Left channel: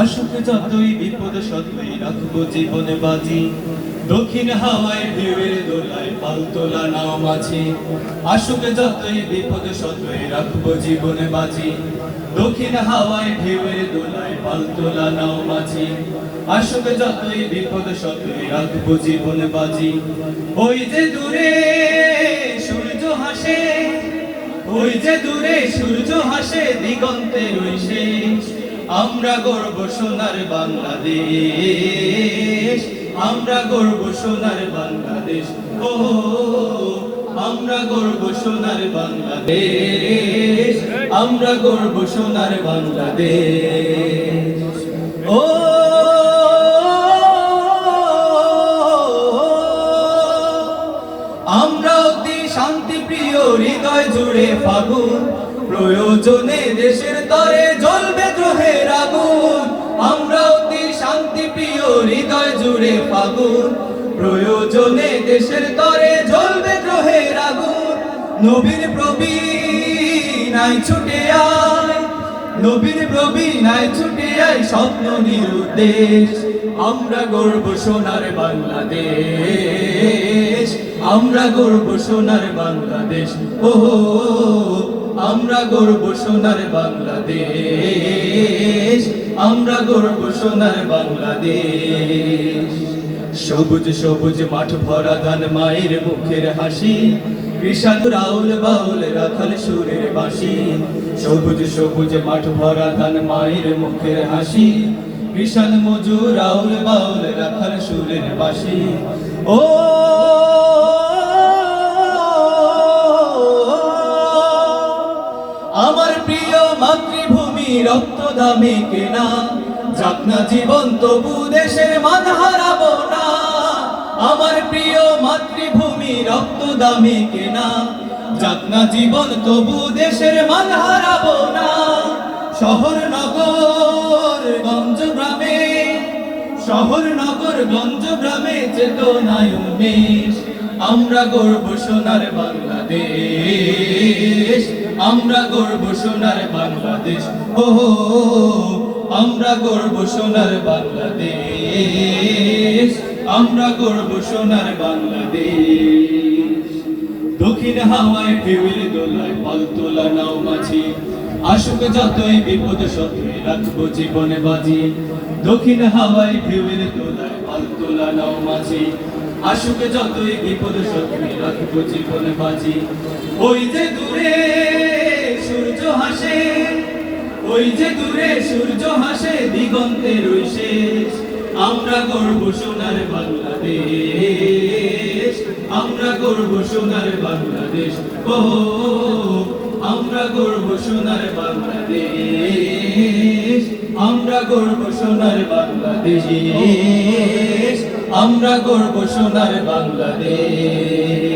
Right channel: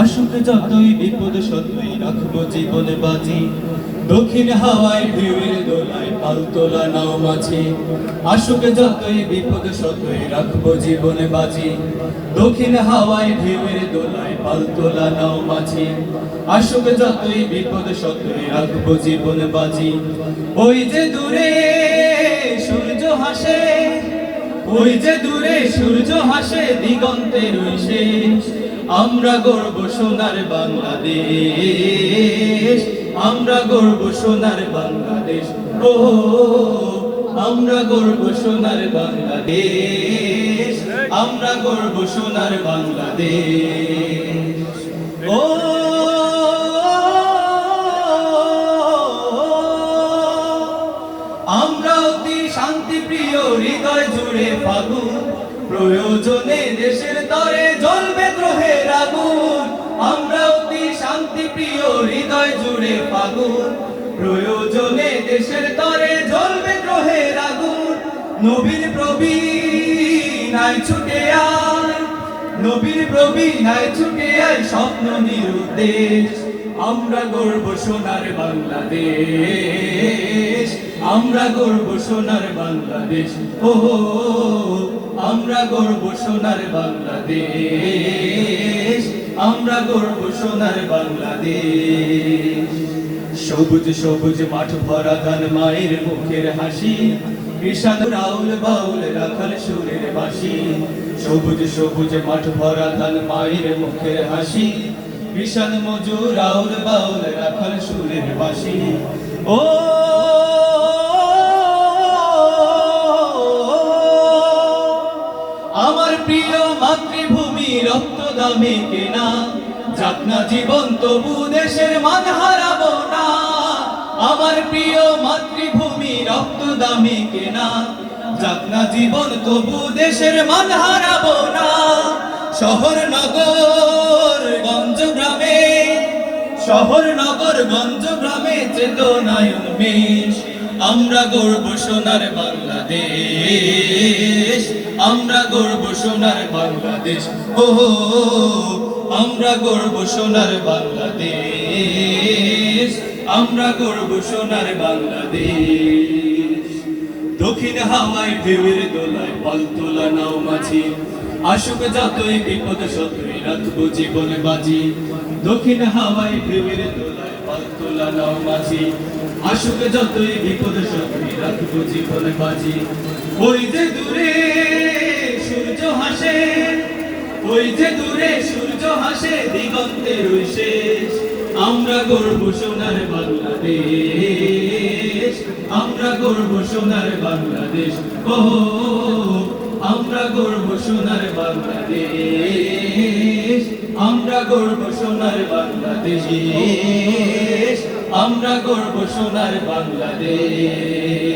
আসুক যতই বিপদ সতই রাখব জীবনে বাজি। দক্ষিণ হাওয়ায় ঢেউয়ের দোলায় পাল তোলা নাও মাঝি। আসুক যতই বিপদ সতই রাখব জীবনে বাজি। দক্ষিণ হাওয়ায় ঢেউয়ের দোলায় পাল তোলা নাও মাঝি। আসুক যতই বিপদ সতই রাখব জীবনে বাজি। ওই যে দূরে সূর্য হাসে ওই যে দূরে সূর্য হাসে দিগন্তের শেষ। আমরা গর্ব সোনার বাংলাদেশ, আমরা গর্ব সোনার বাংলাদেশ, ও, আমরা গর্ব সোনার বাংলাদেশ, আমরা গর্ব সোনার বাংলাদেশ, ও, আমরা অতি শান্তি প্রিয় হৃদয় জুড়ে ফাগুন, প্রয়োজনে দেশের তরে জ্বলবে প্রয়োজনে দেশের তরে জ্বলবে গ্রহের আগুন। নবীর প্রবীণ ছুটে আয়, নবীর প্রবীণায় ছুটে আয় স্বপ্ন নিরুদ্দেশ। আমরা গর্ব সোনার বাংলাদেশ, আমরা গর্ব সোনার বাংলাদেশ, ও আমরা গর্ব সোনার বাংলাদেশ। আমরা গর্ব সোনার বাংলাদেশ। সবুজ সবুজ মাঠ ভরা ধান মায়ের মুখের হাসি। রাউল বাউল সুরের বাসি সবুজ সবুজ মাঠ ভরা ধান মায়ের মুখের হাসি। কৃষাণ মজুর রাউল বাউল রাখাল সুরের বাসি ও, আমার প্রিয় মাতৃভূমি রক্ত দামে কেনা। যাক না জীবন, তবু দেশের মান হারাবো না। আমার প্রিয় মাতৃভূমি রক্ত দামে কেনা। যাক না জীবন, তবু দেশের মান হারাবো না। শহর, নগর, গঞ্জ, গ্রামে। শহর, নগর, গঞ্জ, গ্রামে চেতনায় উন্মেষ। আমরা গর্ব সোনার বাংলাদেশ। আমরা গর্ব সোনার বাংলাদেশ। ও আমরা গর্ব সোনার বাংলাদেশ। আমরা গর্ব সোনার বাংলাদেশ। দক্ষিণ হাওয়ায় ঢেউয়ের দোলায় পাল তোলা নাও মাঝি। আসুক যতই বিপদ সতই রাখব জীবনে বাজি। দক্ষিণ হাওয়ায় ঢেউয়ের দোলায় পাল তোলা নাও মাঝি। আসুক যতই বিপদ সতই রাখব জীবনে বাজি। ওই যে দূরে সূর্য হাসে ওই যে দূরে সূর্য হাসে দিগন্তের শেষ আমরা গর্ব সোনার বাংলাদেশ, আমরা গর্ব সোনার বাংলাদেশ। ও, আমরা গর্ব সোনার বাংলাদেশ, আমরা গর্ব সোনার বাংলাদেশ। আমরা গর্ব সোনার বাংলাদেশ।